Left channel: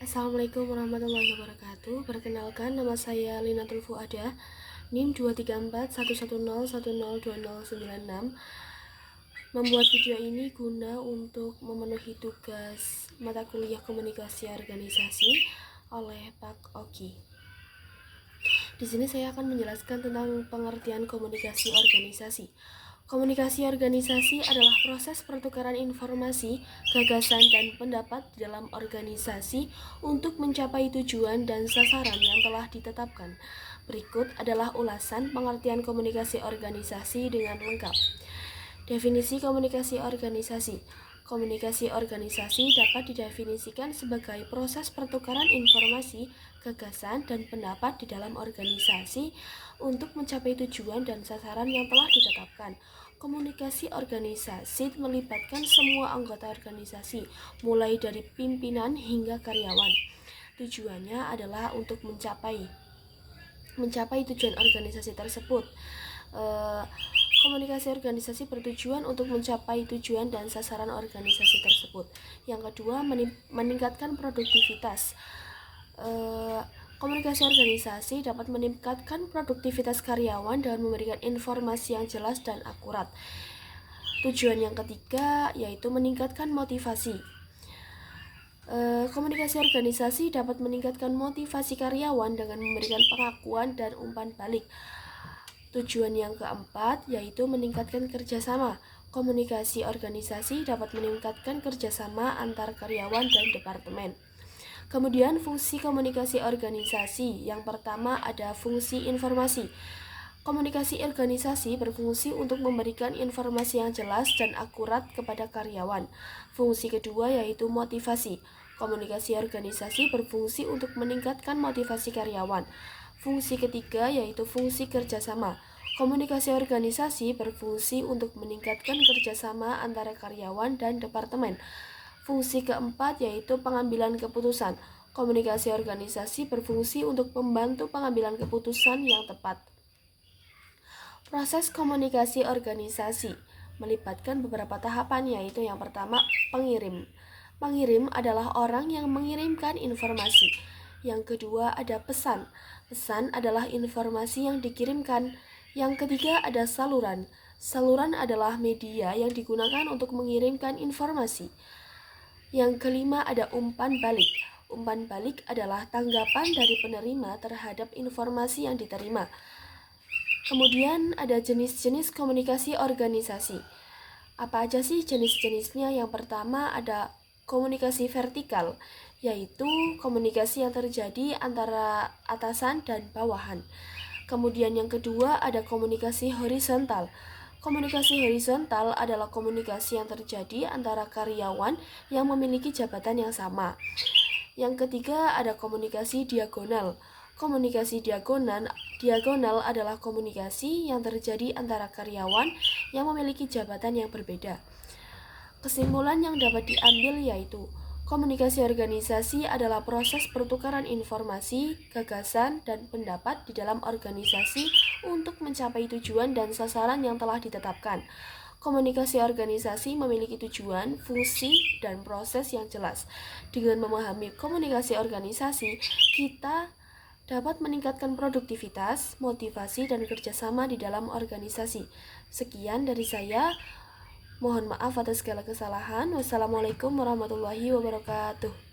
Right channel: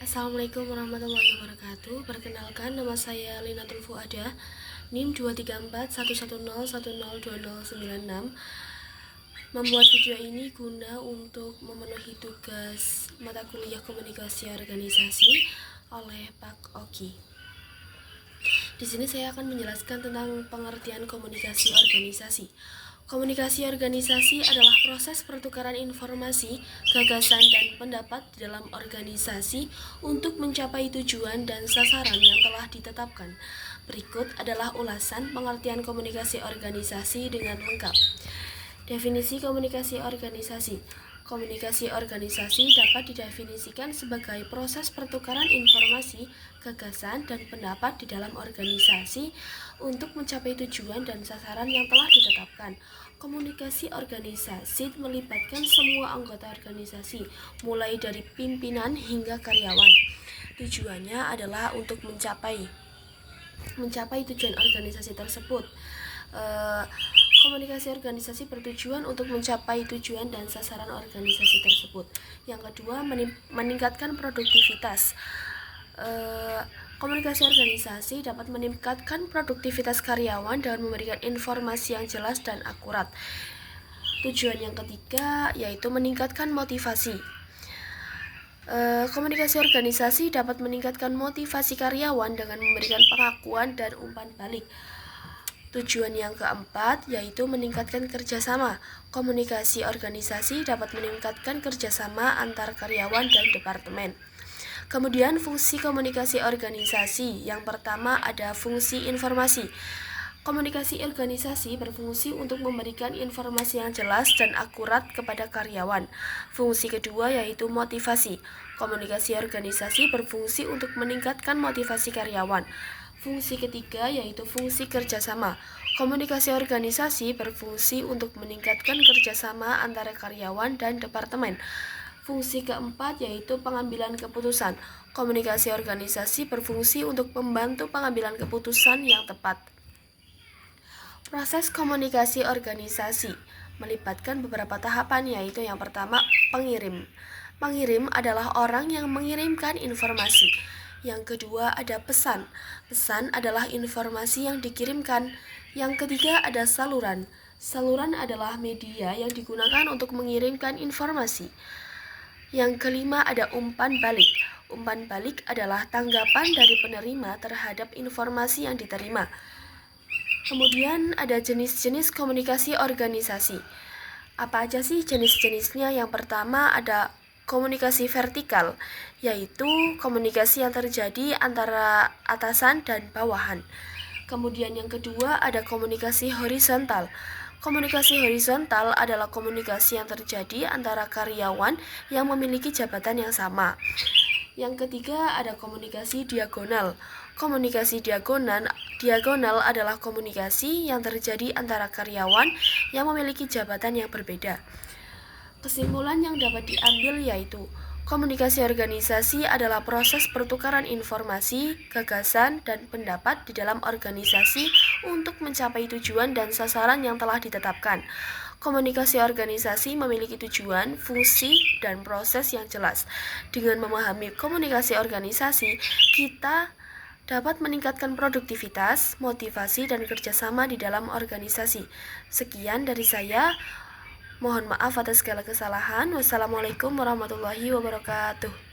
Assalamualaikum warahmatullahi wabarakatuh. Perkenalkan, nama saya Linatul Fuada, NIM 2341101020096. Membuat video ini guna untuk memenuhi tugas mata kuliah komunikasi organisasi oleh Pak Oki. Di sini saya akan menjelaskan tentang pengertian komunikasi organisasi. Komunikasi organisasi adalah proses pertukaran informasi, gagasan, dan pendapat di dalam organisasi untuk mencapai tujuan dan sasaran yang telah ditetapkan. Berikut adalah ulasan pengertian komunikasi organisasi dengan lengkap. Definisi komunikasi organisasi. Komunikasi organisasi dapat didefinisikan sebagai proses pertukaran informasi, gagasan, dan pendapat di dalam organisasi untuk mencapai tujuan dan sasaran yang telah ditetapkan. Komunikasi organisasi melibatkan semua anggota organisasi, mulai dari pimpinan hingga karyawan. Tujuannya adalah untuk mencapai tujuan organisasi tersebut. Komunikasi organisasi bertujuan untuk mencapai tujuan dan sasaran organisasi tersebut. Yang kedua, meningkatkan produktivitas. Komunikasi organisasi dapat meningkatkan produktivitas karyawan dengan memberikan informasi yang jelas dan akurat. Tujuan yang ketiga yaitu meningkatkan motivasi. Komunikasi organisasi dapat meningkatkan motivasi karyawan dengan memberikan pengakuan dan umpan balik. Tujuan yang keempat yaitu meningkatkan kerjasama. Komunikasi organisasi dapat meningkatkan kerjasama antar karyawan dan departemen. Kemudian fungsi komunikasi organisasi. Yang pertama ada fungsi informasi. Komunikasi organisasi berfungsi untuk memberikan informasi yang jelas dan akurat kepada karyawan. Fungsi kedua yaitu motivasi. Komunikasi organisasi berfungsi untuk meningkatkan motivasi karyawan. Fungsi ketiga yaitu fungsi kerjasama. Komunikasi organisasi berfungsi untuk meningkatkan kerjasama antara karyawan dan departemen. Fungsi keempat yaitu pengambilan keputusan. Komunikasi organisasi berfungsi untuk membantu pengambilan keputusan yang tepat. Proses komunikasi organisasi melibatkan beberapa tahapan, yaitu yang pertama pengirim. Pengirim adalah orang yang mengirimkan informasi. Yang kedua ada pesan. Pesan adalah informasi yang dikirimkan. Yang ketiga ada saluran. Saluran adalah media yang digunakan untuk mengirimkan informasi. Yang kelima ada umpan balik. Umpan balik adalah tanggapan dari penerima terhadap informasi yang diterima. Kemudian ada jenis-jenis komunikasi organisasi. Apa aja sih jenis-jenisnya? Yang pertama ada komunikasi vertikal, yaitu komunikasi yang terjadi antara atasan dan bawahan. Kemudian yang kedua ada komunikasi horizontal. Komunikasi horizontal adalah komunikasi yang terjadi antara karyawan yang memiliki jabatan yang sama. Yang ketiga ada komunikasi diagonal. Komunikasi diagonal adalah komunikasi yang terjadi antara karyawan yang memiliki jabatan yang berbeda. Kesimpulan yang dapat diambil yaitu komunikasi organisasi adalah proses pertukaran informasi, gagasan, dan pendapat di dalam organisasi untuk mencapai tujuan dan sasaran yang telah ditetapkan. Komunikasi organisasi memiliki tujuan, fungsi, dan proses yang jelas. Dengan memahami komunikasi organisasi, kita dapat meningkatkan produktivitas, motivasi, dan kerjasama di dalam organisasi. Sekian dari saya. Mohon maaf atas segala kesalahan. Wassalamualaikum warahmatullahi wabarakatuh.